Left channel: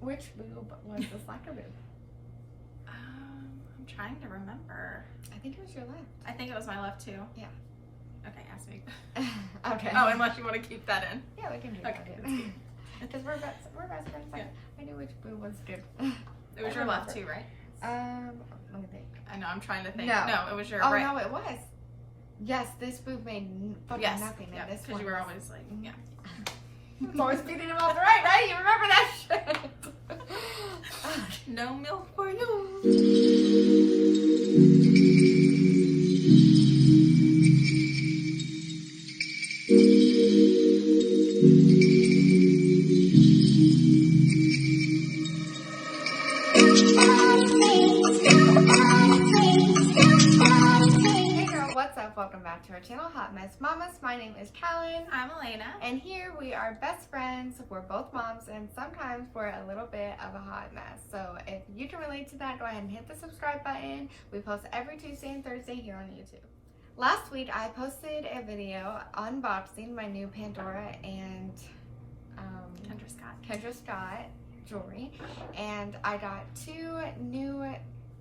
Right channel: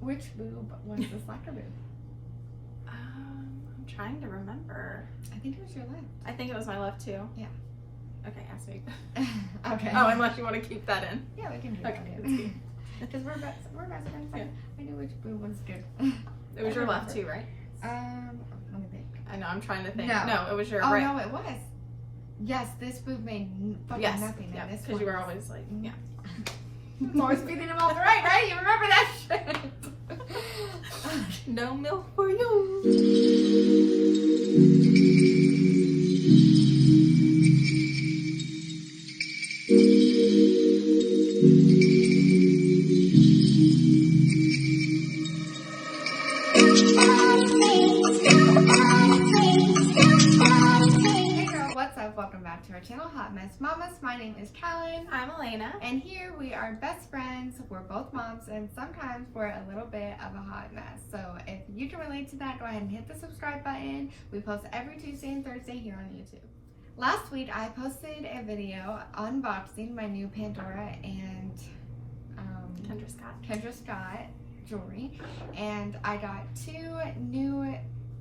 Which boob was the slacker boob? I'm trying to remember. I think it was your left. I think it was my left too. Yeah. Okay, ask me. Okay. Oh, unless you want to keep that in. Yeah, we can do Okay, that. that's good. Because we're best friends. Yeah. I knew which boob was good. It was your left too, right? Let me think. I know, I'm trying to think. No. No, it was your Oh, right. no, it was. Yes, this boob made fucking Yes, nothing. yeah, and this because one you were was- always like, yeah. Always beating him off the right? You remember that shit? No milk for you. What's up? Welcome back to our channel, Hot Mess Mamas. My name is Callan. I'm Elaynna. And here we are best friends. We're both moms and sometimes we're a little bit of a hot mess. So if you can relate to that, go ahead and hit the subscribe button. We post every Tuesday and Thursday here on YouTube. Last week I posted a video unboxing my new Pandora and Kendra Scott jewelry. And I got 2 new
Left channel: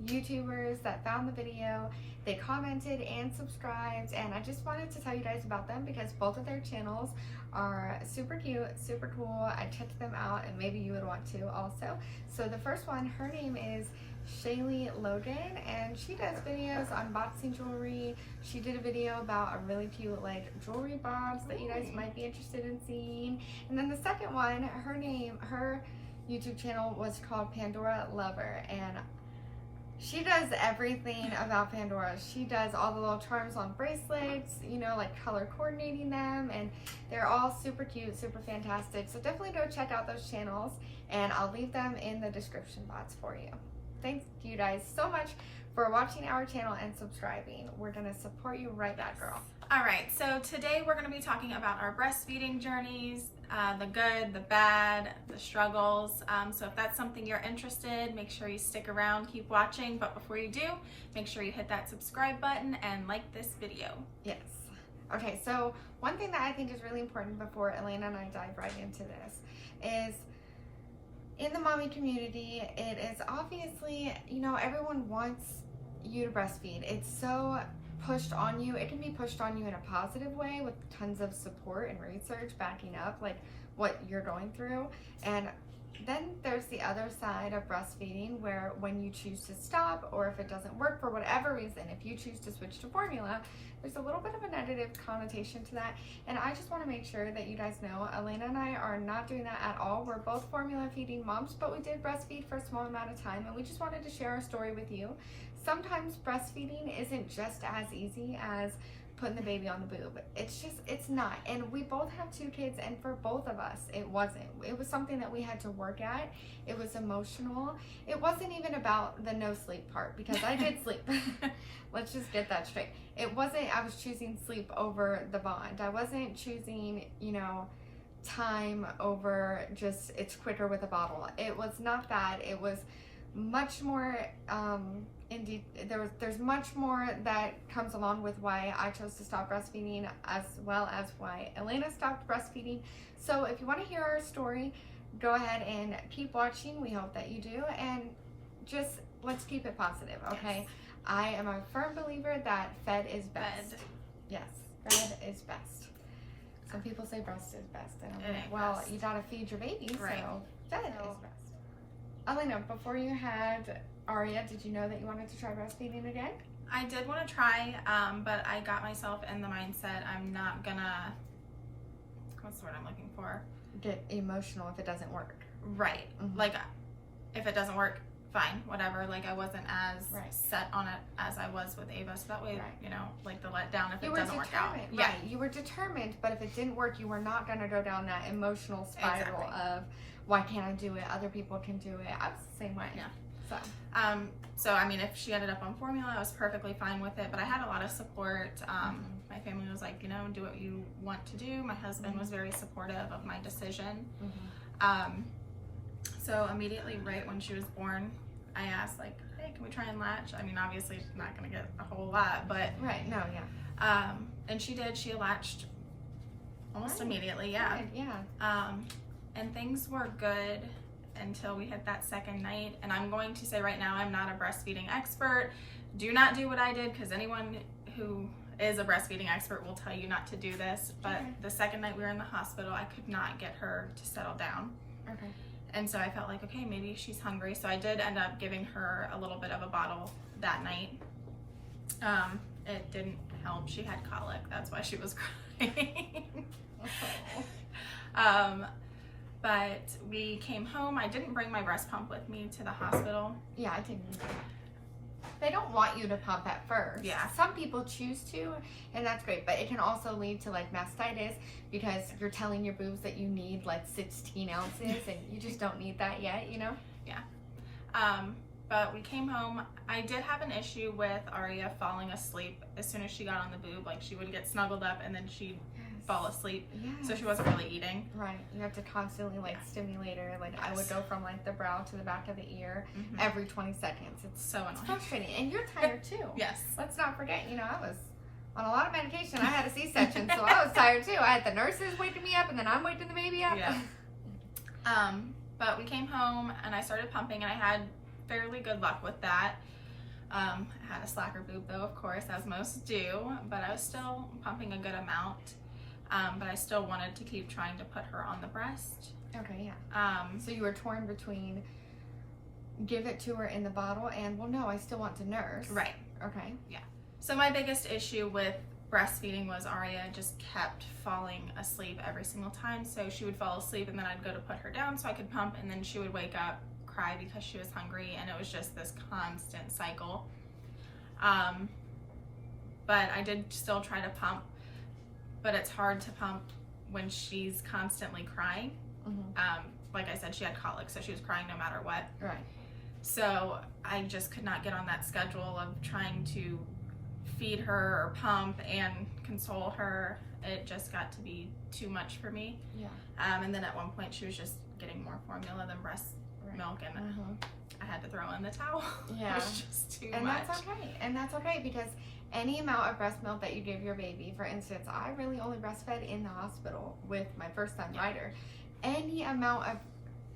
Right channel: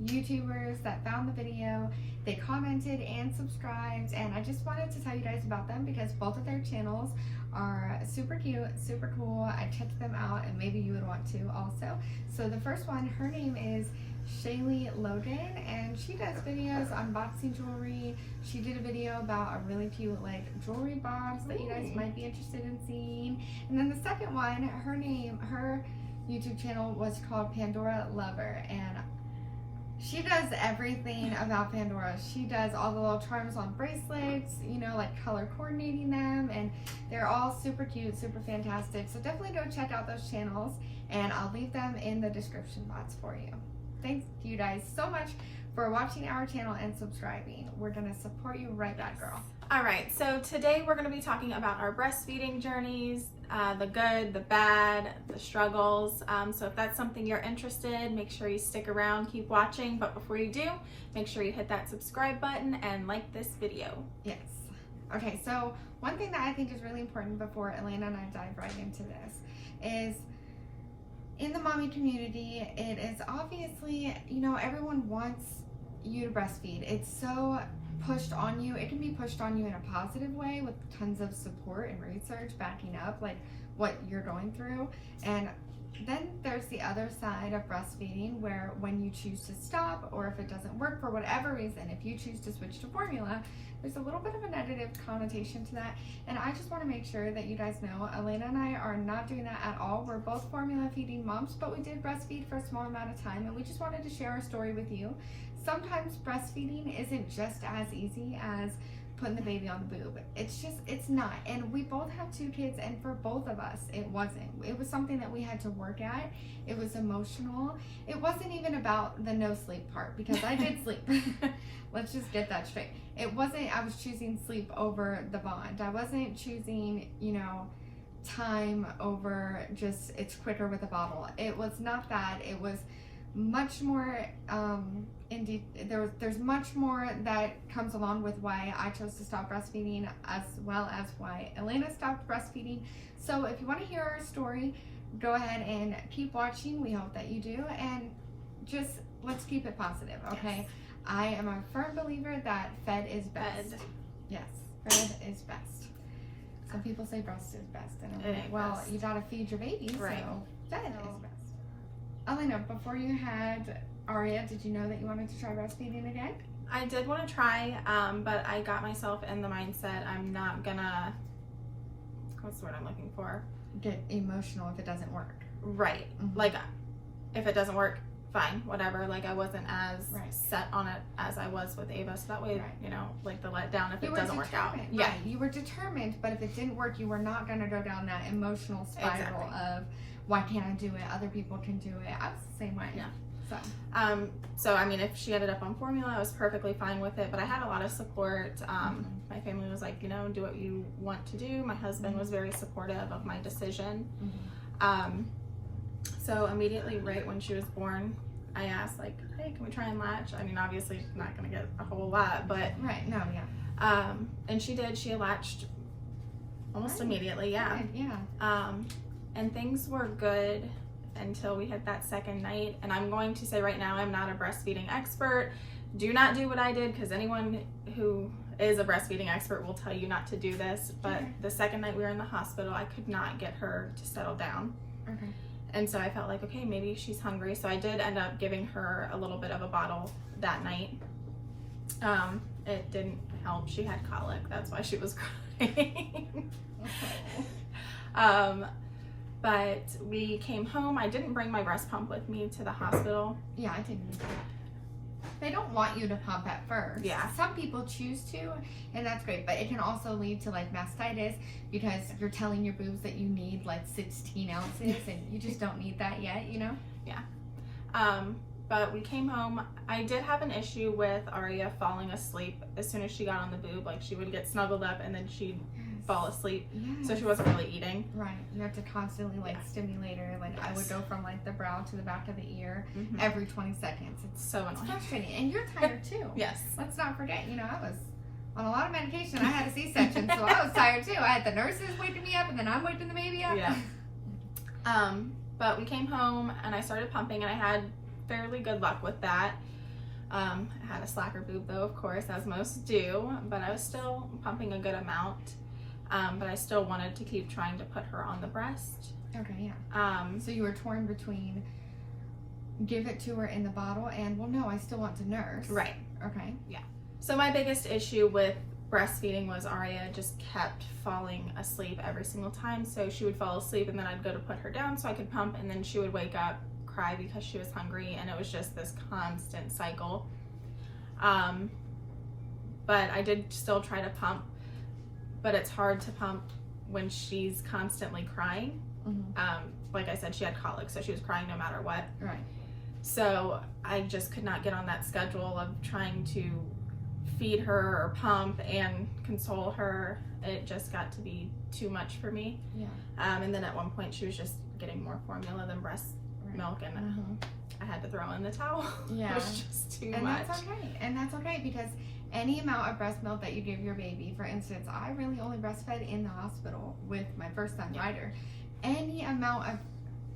YouTubers that found the video. They commented and subscribed, and I just wanted to tell you guys about them because both of their channels are super cute, super cool. I checked them out and maybe you would want to also. So the first one, her name is Shaylie Logan, and she does videos unboxing jewelry. She did a video about a really cute like jewelry box that you guys might be interested in seeing. And then the second one, her YouTube channel was called Pandora Lover, and she does everything about Pandora. She does all the little charms on bracelets, you know, like color coordinating them, and they're all super cute, super fantastic. So definitely go check out those channels, and I'll leave them in the description box for you. Thanks you guys so much for watching our channel and subscribing. We're gonna support you right back, girl. All right, so today we're gonna be talking about our breastfeeding journeys, the good, the bad, the struggles. So if that's something you're interested in, make sure you stick around, keep watching. But before you do, make sure you hit that subscribe button and like this video. Yes. Okay, so one thing that I think is really important before Elaynna and I dive right into this is in the mommy community, it is obviously, you know, everyone wants you to breastfeed. It's so pushed on you. It can be pushed on you in a positive way with tons of support and research backing up like what you're going through. And then there's the other side of breastfeeding where when you choose to stop, or if it doesn't work for whatever reason, if you choose to switch to formula, there's a little bit of a negative connotation to that. And I just want to make sure that you guys know Elaynna and I are not doing that at all. We're both formula feeding moms, but we did breastfeed for a small amount of time, and we just wanted to share our story with you. Sometimes breastfeeding isn't just as easy as putting the baby on the boob. It's not. And we both have 2 kids, and for both of us, it wasn't. It was something that we had to work at. It was emotional. It wasn't even about the no sleep part, because I did sleep. Let's just get that straight. It wasn't, I was choosing sleep over the bond. I wasn't choosing, you know, time over just it's quicker with a bottle. It was not that. It was much more indeed there's much more that comes along with why I chose to stop breastfeeding, as well as why Elaynna stopped breastfeeding. So if you want to hear our story, go ahead and keep watching. We hope that you do, and just let's keep it positive, okay? Yes. I am a firm believer that fed is best. Yes, fed is best. Some people say breast is best, and I'm like, well, best. You gotta feed your baby, right. So fed is best. Elaynna, before you had Aria, did you know that you wanted to try breastfeeding again? I did want to try, but I got myself in the mindset I'm not gonna, what's the word I'm looking for? Get emotional if it doesn't work. Right. Like, if it doesn't work, fine, whatever. Like, I wasn't as set on it as I was with Ava, so that way, you know, like the letdown if it doesn't work out. Yeah, you were determined, but if it didn't work, you were not going to go down that emotional spiral of, why can't I do it? Other people can do it. I was the same way. Yeah. So I mean, if she ended up on formula, I was perfectly fine with it, but I had a lot of support. My family was like, you know, do what you want to do. My husband was very supportive of my decision. So immediately right when she was born, I asked like, hey, can we try and latch? I mean, obviously she's not gonna get a whole lot, but and she did. She latched almost immediately. And things were good until we hit that second night. And I'm going to say right now, I'm not a breastfeeding expert. Do not do what I did, because anyone who is a breastfeeding expert will tell you not to do this. But Okay. the second night we were in the hospital, I could not get her to settle down. Okay. And so I felt like, okay, maybe she's hungry. So I did end up giving her a little bit of a bottle that night. It didn't help. She had colic. That's why she was crying. Oh. But we came home. I didn't bring my breast pump with me to the hospital. Yeah, I didn't either. They don't want you to pump at first. Yeah. Some people choose to, and that's great, but it can also lead to like mastitis, because you're telling your boobs that you need like 16 ounces and you just don't need that yet, you know? Yeah. But we came home. I did have an issue with Aria falling asleep as soon as she got on the boob. Like, she would get snuggled up and then she'd fall asleep. Yes. So she wasn't really eating. Right. You have to constantly like stimulate her. Like, I would go from like the brow to the back of the ear every 20 seconds. It's So annoying. frustrating. And you're tired too. Yes. Let's not forget, you know, I was on a lot of medication. I had a C-section, so I was tired too. I had the nurses waking me up, and then I'm waking the baby up. Yeah. But we came home and I started pumping, and I had fairly good luck with that. I had a slacker boob though, of course, as most do, but I was still pumping a good amount. But I still wanted to keep trying to put her on the breast. Okay, yeah. So you were torn between give it to her in the bottle and, well, no, I still want to nurse. Right. Okay. Yeah. So my biggest issue with breastfeeding was Aria just kept falling asleep every single time. So she would fall asleep, and then I'd go to put her down so I could pump, and then she would wake up, cry because she was hungry, and it was just this constant cycle. But I did still try to pump, but it's hard to pump when she's constantly crying. Like I said, she had colic, so she was crying no matter what. Right. So I just could not get on that schedule of trying to feed her or pump and console her. It just got to be too much for me. Yeah. And then at one point she was just getting more formula than breast milk, and I had to throw in the towel. Yeah. It was just too And much. that's okay. And that's okay, because any amount of breast milk that you give your baby, for instance, I really only breastfed in the hospital with my first son, Ryder. Any amount of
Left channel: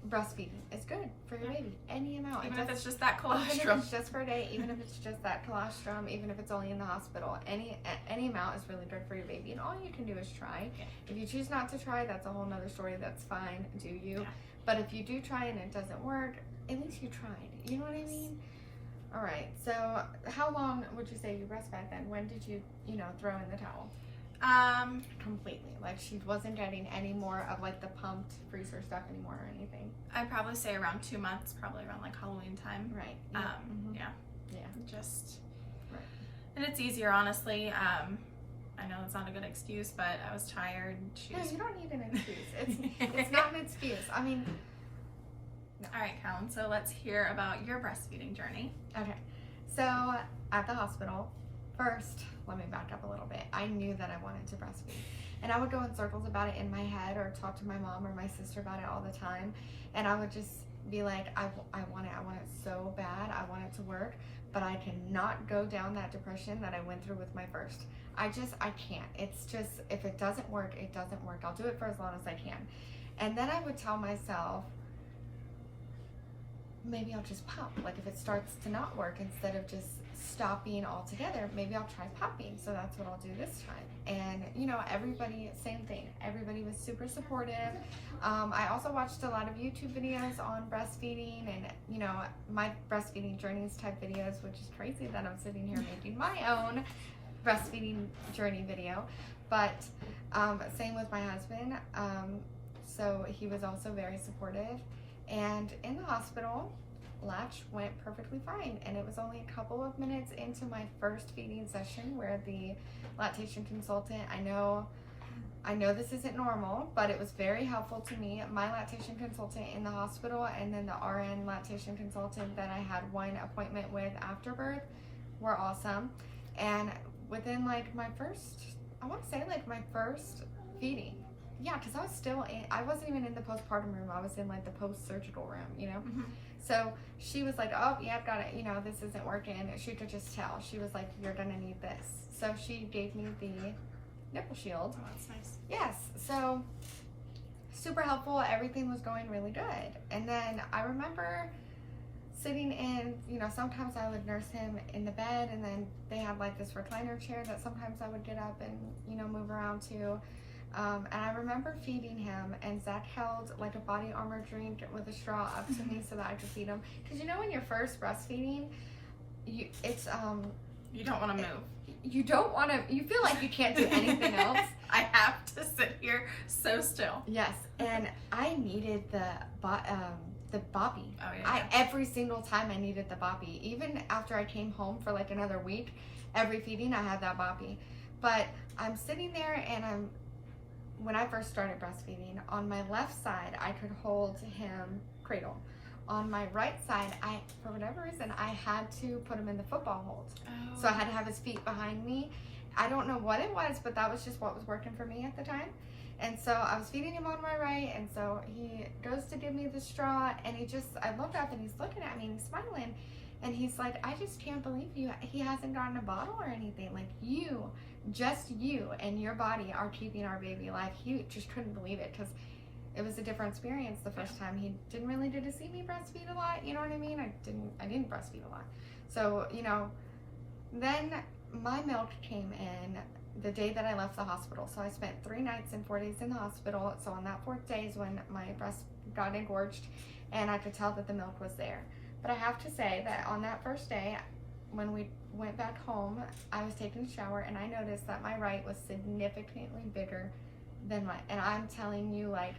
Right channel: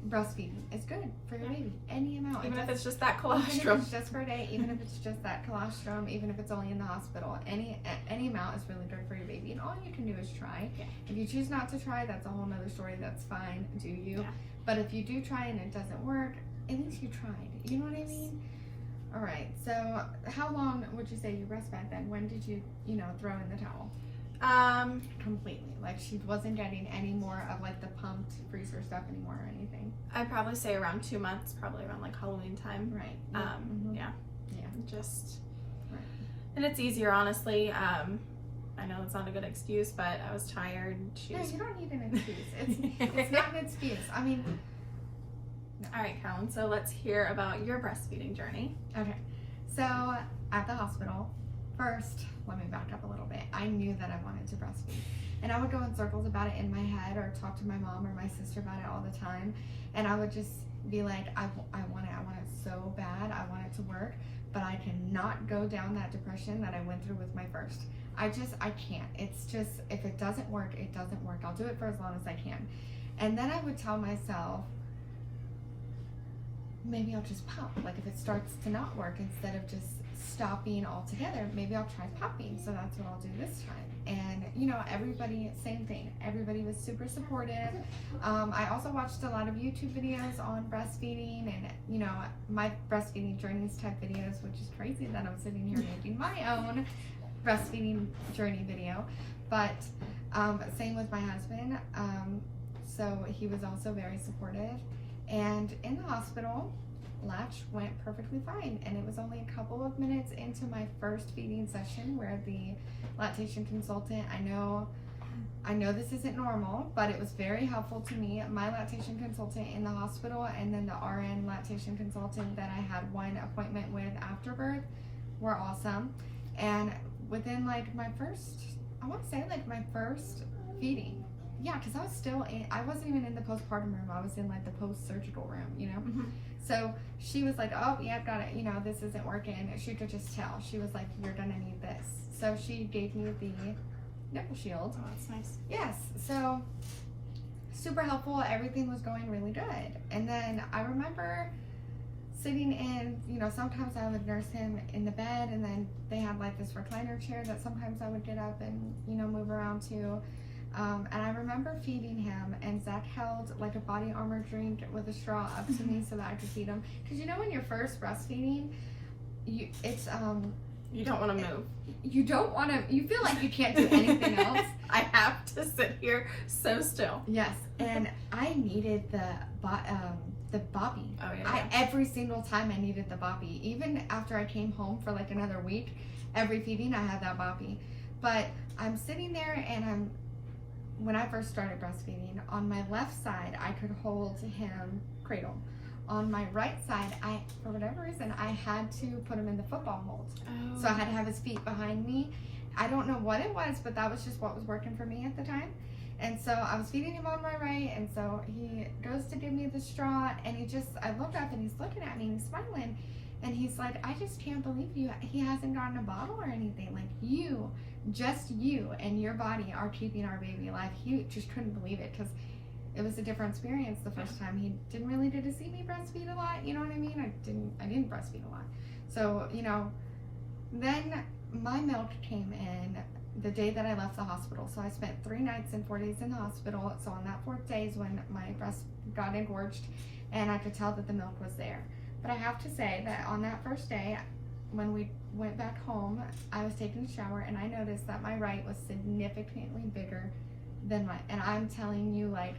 breastfeeding is good for your baby. Any amount. Even if it's just that Even if colostrum. it's just for a day, even if it's just that colostrum, even if it's only in the hospital, any amount is really good for your baby. And all you can do is try. Yeah. If you choose not to try, that's a whole nother story. That's fine. Do you? Yeah. But if you do try and it doesn't work, at least you tried. You know what I mean? All right. So how long would you say you breastfed then? When did you, throw in the towel? Completely. Like, she wasn't getting any more of like the pumped freezer stuff anymore or anything. I'd probably say around 2 months, probably around like Halloween time. Right. Yeah. Yeah. Just, Right. and it's easier, honestly. I know it's not a good excuse, but I was tired. No, you don't need an excuse. It's not an excuse. I mean, no. All right, Callan, so let's hear about your breastfeeding journey. Okay. So at the hospital, first, let me back up a little bit. I knew that I wanted to breastfeed. And I would go in circles about it in my head, or talk to my mom or my sister about it all the time. And I would just be like, I want it so bad. I want it to work, but I cannot go down that depression that I went through with my first. I can't. It's just, if it doesn't work, it doesn't work. I'll do it for as long as I can. And then I would tell myself, maybe I'll just pump. Like, if it starts to not work, instead of just stopping altogether, maybe I'll try pumping. So that's what I'll do this time. And everybody, same thing. Everybody was super supportive. I also watched a lot of YouTube videos on breastfeeding and my breastfeeding journeys type videos, which is crazy that I'm sitting here making my own breastfeeding journey video. But same with my husband. So he was also very supportive. And in the hospital, latch went perfectly fine, and it was only a couple of minutes into my first feeding session where the lactation consultant, I know this isn't normal, but it was very helpful to me. My lactation consultant in the hospital, and then the RN lactation consultant that I had one appointment with after birth, were awesome. And within like my first feeding, yeah, because I wasn't even in the postpartum room. I was in like the post-surgical room, So she was like, oh, yeah, got it. This isn't working. She could just tell. She was like, you're going to need this. So she gave me the nipple shield. Oh, that's nice. Yes. So super helpful. Everything was going really good. And then I remember sitting in, you know, sometimes I would nurse him in the bed, and then they had like this recliner chair that sometimes I would get up and, you know, move around to. And I remember feeding him, and Zach held like a body armor drink with a straw up to me so that I could feed him. Because you know, when you're first breastfeeding, you don't want to move. You don't want to. You feel like you can't do anything else. I have to sit here so still. Yes, and I needed the boppy. Oh yeah. Every single time I needed the boppy. Even after I came home for like another week, every feeding I had that boppy. But I'm sitting there, and when I first started breastfeeding, on my left side I could hold him cradle. On my right side, for whatever reason, I had to put him in the football hold. Oh. So I had to have his feet behind me. I don't know what it was, but that was just what was working for me at the time. And so I was feeding him on my right, and so he goes to give me the straw, and I looked up, and he's looking at me, and he's smiling, and he's like, I just can't believe he hasn't gotten a bottle or anything. Like, just you and your body are keeping our baby alive. He just couldn't believe it, because it was a different experience the first time. He didn't really get to see me breastfeed a lot, you know what I mean? I didn't breastfeed a lot. So, you know, then my milk came in the day that I left the hospital. So I spent 3 nights and 4 days in the hospital. So on that 4th day is when my breast got engorged, and I could tell that the milk was there. But I have to say that on that first day, when we went back home, I was taking a shower, and I noticed that my right was significantly bigger than and I'm telling you, like,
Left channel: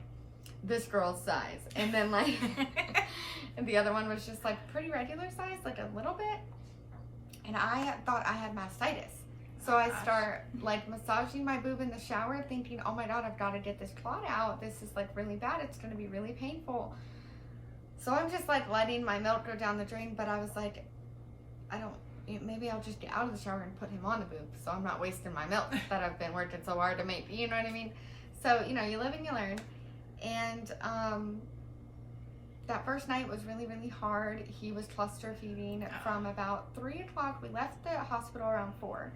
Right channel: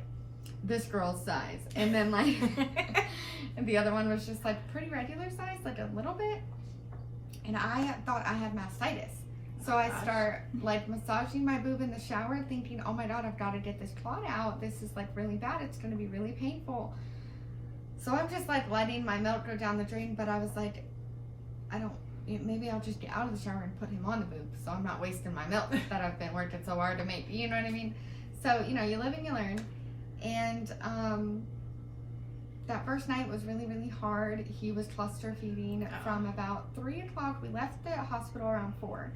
this girl's size. And then like and the other one was just like pretty regular size, like a little bit. And I thought I had mastitis. So I start like massaging my boob in the shower, thinking, oh my God, I've got to get this clot out. This is like really bad. It's going to be really painful. So I'm just like letting my milk go down the drain. But I was like, maybe I'll just get out of the shower and put him on the boob, so I'm not wasting my milk that I've been working so hard to make. You know what I mean? So, you know, you live and you learn. And that first night was really, really hard. He was cluster feeding from about 3 o'clock. We left the hospital around 4.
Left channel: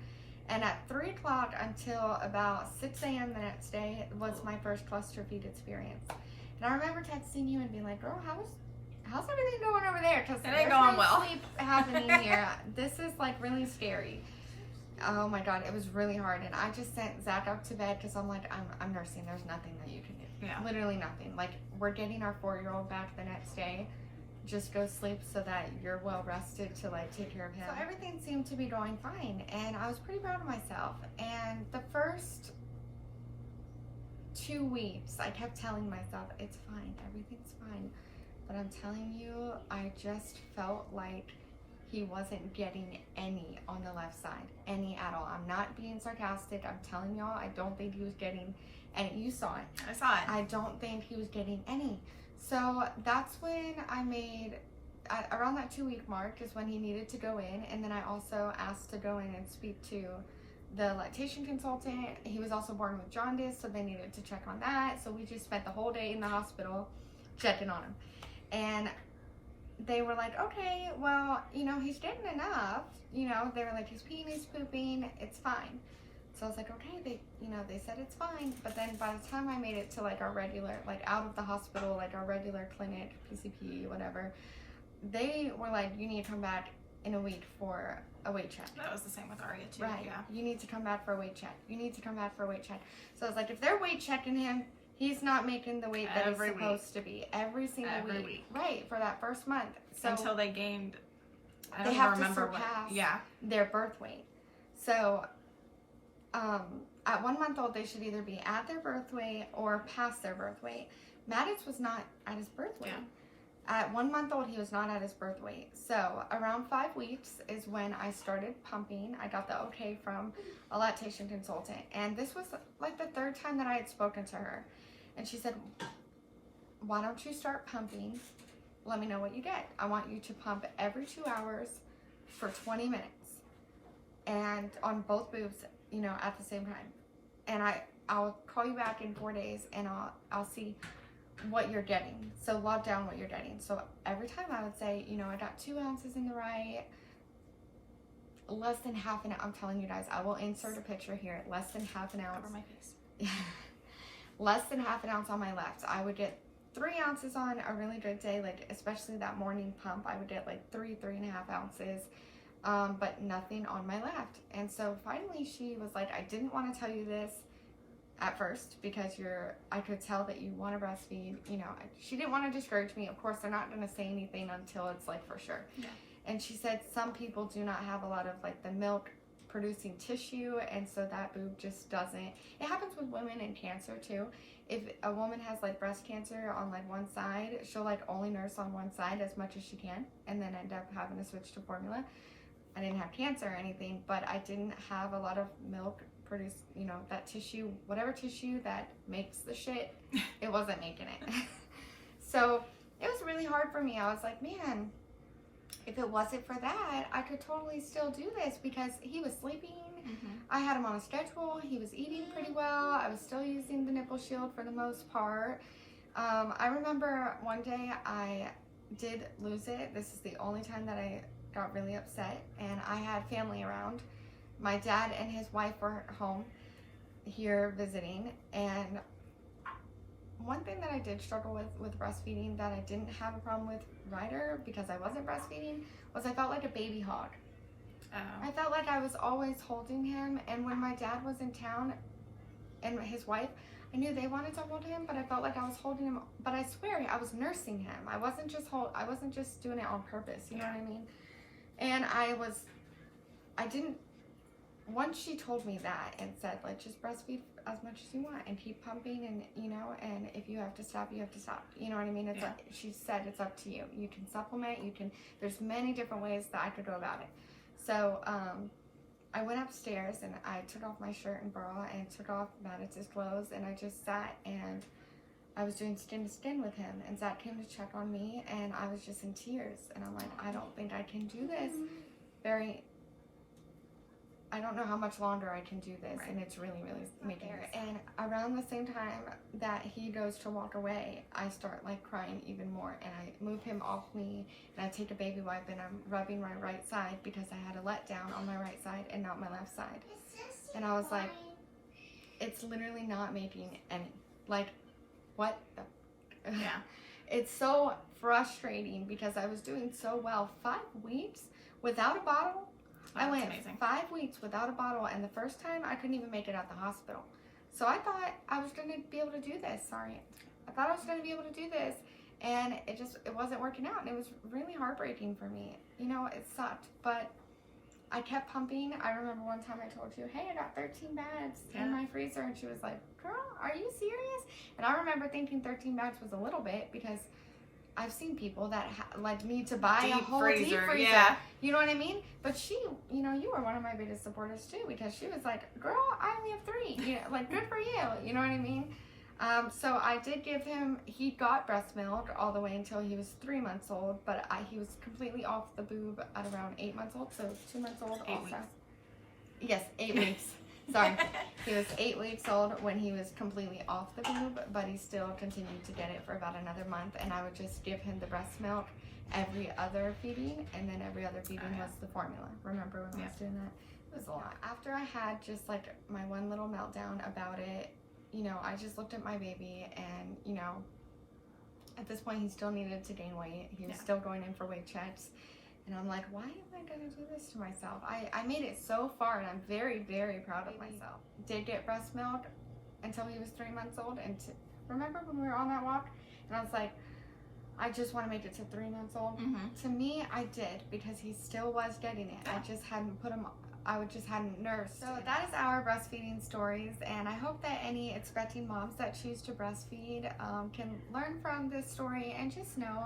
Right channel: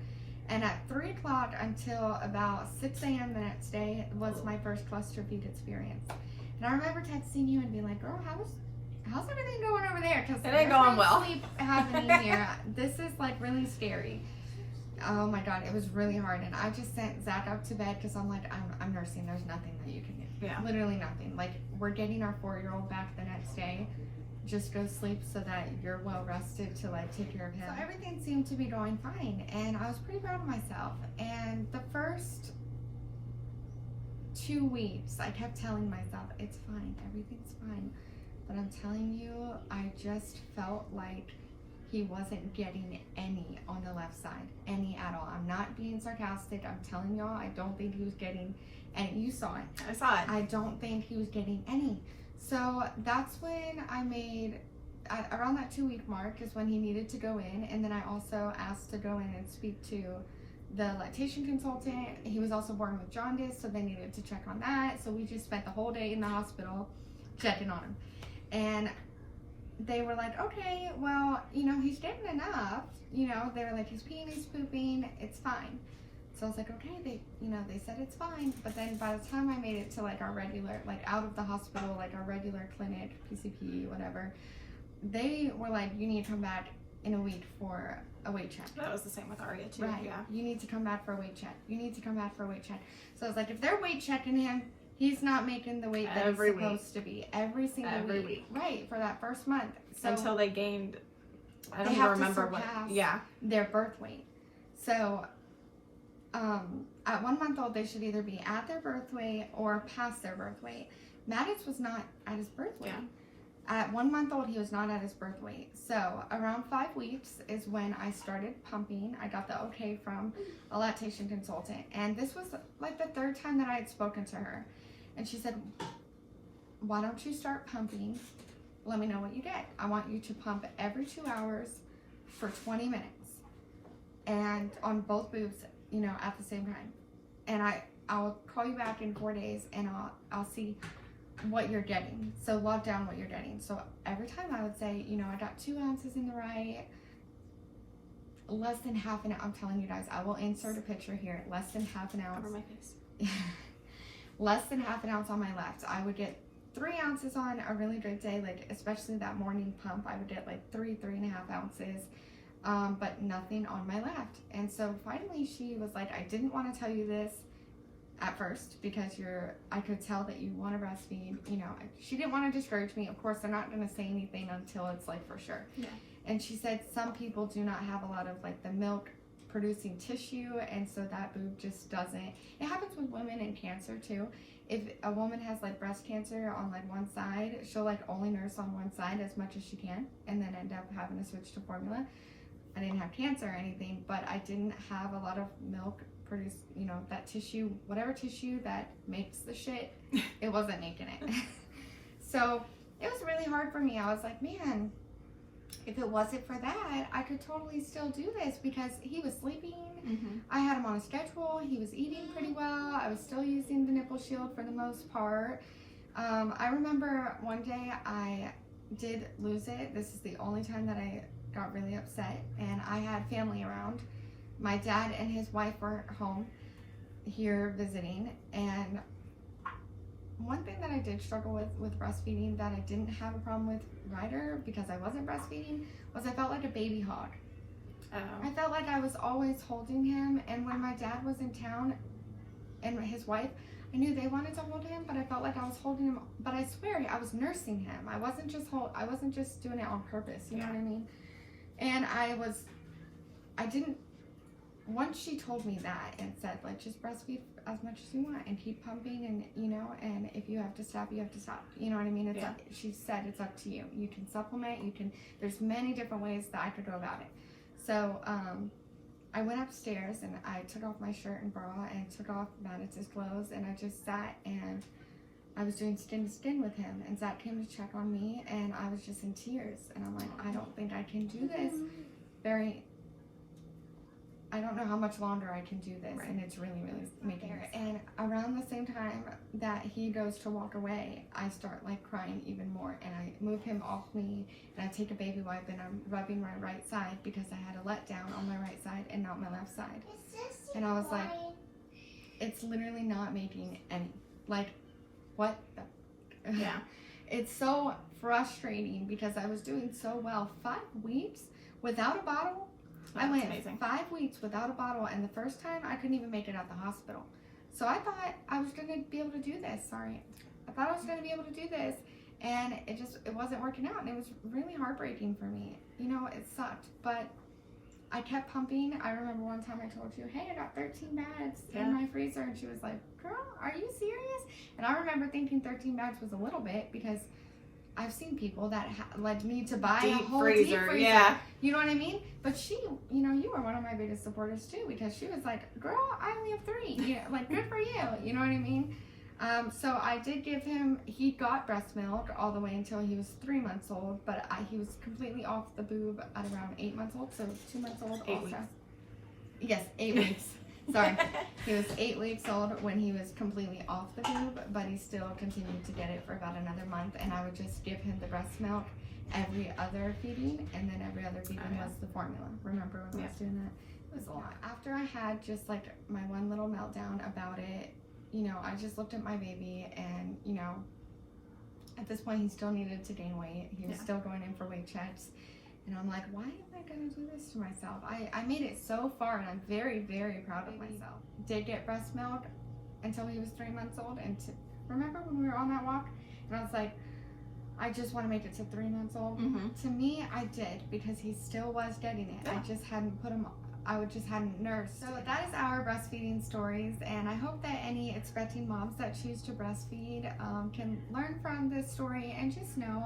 And at 3 o'clock until about 6 a.m. the next day was my first cluster feed experience. And I remember texting you and being like, girl, how's everything going over there? Because it ain't going well. Happening here. This is like really scary. Oh my God, it was really hard. And I just sent Zach up to bed because I'm like, I'm nursing. There's nothing that you can do. Yeah. Literally nothing. Like, we're getting our 4-year-old back the next day. Just go sleep so that you're well rested to like take care of him. So everything seemed to be going fine, and I was pretty proud of myself. And the first 2 weeks, I kept telling myself, it's fine, everything's fine. But I'm telling you, I just felt like he wasn't getting any on the left side, any at all. I'm not being sarcastic. I'm telling y'all, I don't think he was getting any. You saw it. I saw it. I don't think he was getting any. So that's when I made, around that 2-week mark is when he needed to go in. And then I also asked to go in and speak to the lactation consultant. He was also born with jaundice, so they needed to check on that. So we just spent the whole day in the hospital checking on him. And they were like, okay, well, you know, he's getting enough. You know, they were like, he's peeing, he's pooping, it's fine. So I was like, okay, they said it's fine. But then by the time I made it to like our regular, like out of the hospital, like our regular clinic, PCP, whatever, they were like, you need to come back in a week for a weight check. That was the same with Arya too. Right. Yeah. You need to come back for a weight check. You need to come back for a weight check. So I was like, if they're weight checking him, he's not making the weight that he's supposed to be. Every single week. Right, for that first month. So until they gained, I don't even remember what. Yeah. Their birth weight. So at 1 month old, they should either be at their birth weight or past their birth weight. Maddox was not at his birth weight. Yeah. At 1 month old, he was not at his birth weight. So around 5 weeks is when I started pumping. I got the okay from a lactation consultant. And this was like the 3rd time that I had spoken to her. And she said, why don't you start pumping? Let me know what you get. I want you to pump every 2 hours for 20 minutes. And on both boobs, you know, at the same time. And I'll call you back in 4 days, and I'll see what you're getting. So log down what you're getting. So every time I would say, you know, I got 2 ounces in the right, less than half an ounce. I'm telling you guys, I will insert a picture here. Less than half an ounce. Over my face. less than half an ounce on my left. I would get 3 ounces on a really good day, like especially that morning pump. I would get like 3.5 ounces, but nothing on my left. And so finally she was like, I didn't want to tell you this at first because I could tell that you want to breastfeed. You know, she didn't want to discourage me. Of course, they're not going to say anything until it's like for sure. Yeah. And she said some people do not have a lot of like the milk producing tissue, and so that boob just doesn't. It happens with women in cancer too. If a woman has like breast cancer on like one side, she'll like only nurse on one side as much as she can and then end up having to switch to formula. I didn't have cancer or anything, but I didn't have a lot of milk produce, you know, that tissue, whatever tissue that makes the shit, it wasn't making it. So it was really hard for me. I was like, man, if it wasn't for that, I could totally still do this because he was sleeping. I had him on a schedule. He was eating pretty well. I was still using the nipple shield for the most part. I remember one day I did lose it. This is the only time that I got really upset, and I had family around. My dad and his wife were home here visiting, and one thing that I did struggle with breastfeeding that I didn't have a problem with Ryder because I wasn't breastfeeding was I felt like a baby hog. I felt like I was always holding him, and when my dad was in town and his wife, I knew they wanted to hold him, but I felt like I was holding him, but I swear I was nursing him. I wasn't just doing it on purpose, you know what I mean? And once she told me that and said, like, just breastfeed as much as you want and keep pumping, and, you know, and if you have to stop, you have to stop. You know what I mean? It's she said, it's up to you. You can supplement, there's many different ways that I could go about it. So, I went upstairs and I took off my shirt and bra and took off Maddox's clothes, and I just sat and I was doing skin to skin with him, and Zach came to check on me, and I was just in tears, and I'm like, I don't think I can do this I don't know how much longer I can do this, and it's really, really making it. And around the same time that he goes to walk away, I start like crying even more, and I move him off me, and I take a baby wipe and I'm rubbing my right side because I had a letdown on my right side and not my left side. And I was like, it's literally not making any, like, what the? Yeah. It's so frustrating because I was doing so well. 5 weeks without a bottle. I went amazing. 5 weeks without a bottle, and the first time I couldn't even make it at the hospital. So I thought I was going to be able to do this. I thought I was going to be able to do this, and it wasn't working out, and it was really heartbreaking for me. You know, it sucked, but I kept pumping. I remember one time I told you, hey, I got 13 bags in my freezer, and she was like, girl, are you serious? And I remember thinking 13 bags was a little bit because I've seen people that like need to buy a whole deep freezer. Yeah. You know what I mean? But she, you know, you were one of my biggest supporters too, because she was like, girl, I only have 3. You know, like, good for you. You know what I mean? So I did give him, he got breast milk all the way until he was 3 months old, but he was completely off the boob at around 8 months old, so 2 months old 8 also. weeks. Yes, 8 weeks. Sorry. He was 8 weeks old when he was completely off the boob, but he still continued to get it for about another month, and I would just give him the breast milk every other feeding, and then every other feeding was the formula. Remember when I was doing that? It was a lot. After I had just like my one little meltdown about it, you know, I just looked at my baby, and, you know, at this point he still needed to gain weight. He was still going in for weight checks. And I'm like, why am I going to do this to myself? I made it so far, and I'm very, very proud of myself. Did get breast milk until he was 3 months old. And remember when we were on that walk? And I was like, I just want to make it to 3 months old. To me, I did, because he still was getting it. I just hadn't put him, just hadn't nursed. So that is our breastfeeding stories. And I hope that any expecting moms that choose to breastfeed can learn from this story, and just know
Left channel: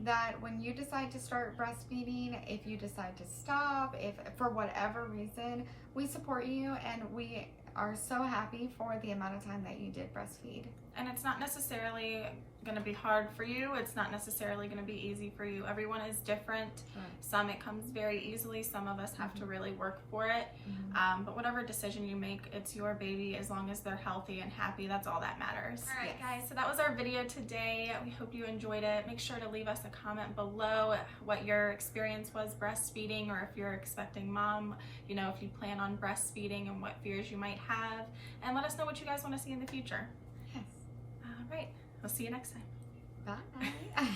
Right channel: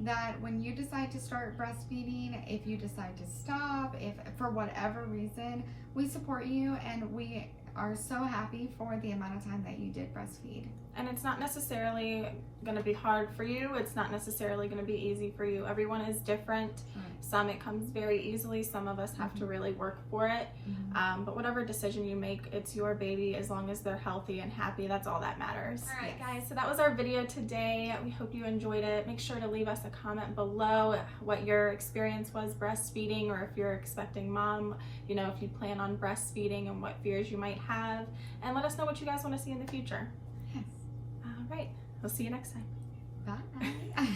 that when you decide to start breastfeeding, if you decide to stop, if for whatever reason, we support you, and we are so happy for the amount of time that you did breastfeed. And it's not necessarily going to be hard for you. It's not necessarily going to be easy for you. Everyone is different. Some it comes very easily. Some of us have to really work for it. But whatever decision you make, it's your baby. As long as they're healthy and happy, that's all that matters. All right, guys, so that was our video today. We hope you enjoyed it. Make sure to leave us a comment below what your experience was breastfeeding, or if you're expecting mom, you know, if you plan on breastfeeding and what fears you might have. And let us know what you guys want to see in the future. Yes. right. We'll see you next time. Bye.